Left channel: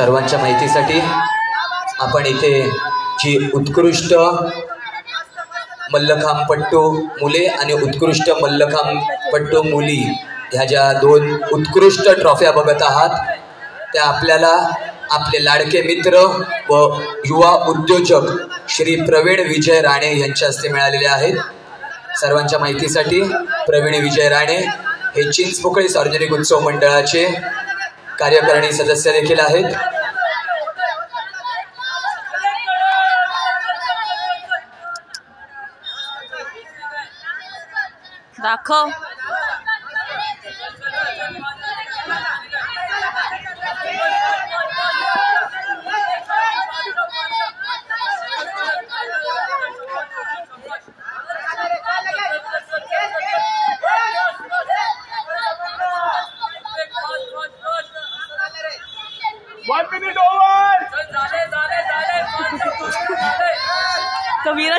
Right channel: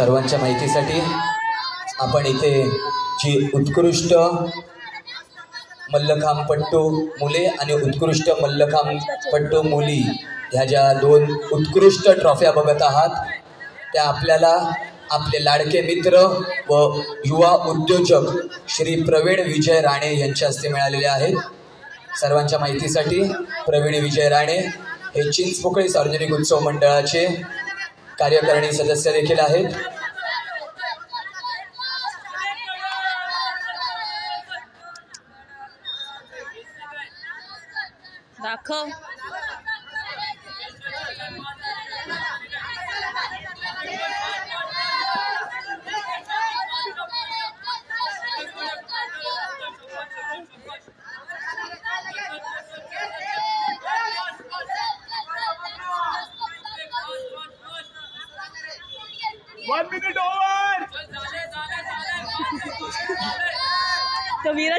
सर्वांच्या माहितीसाठी आपण इथे जी उत्कृष्ट मल्लखांबपट्टू मुले आणि उत्कृष्ट मल्लखांबपट्टू मुली ह्या ज्या दोन उत्कृष्ट ट्रॉफ्या बघत आहात त्या आपल्याला आपले लाडके मित्र व युवा उद्योजक श्री प्रवीण विजय राणे यांच्या हस्ते मिळालेले आहेत। सर्वांच्या माहितीसाठी प्रवीण विजय राणे हे चिंचपोकळी सार्वजनिक उत्सव मंडळाचे कार्यकारिणी सदस्य देखील आहेत। दाखव One minute over. कबीरा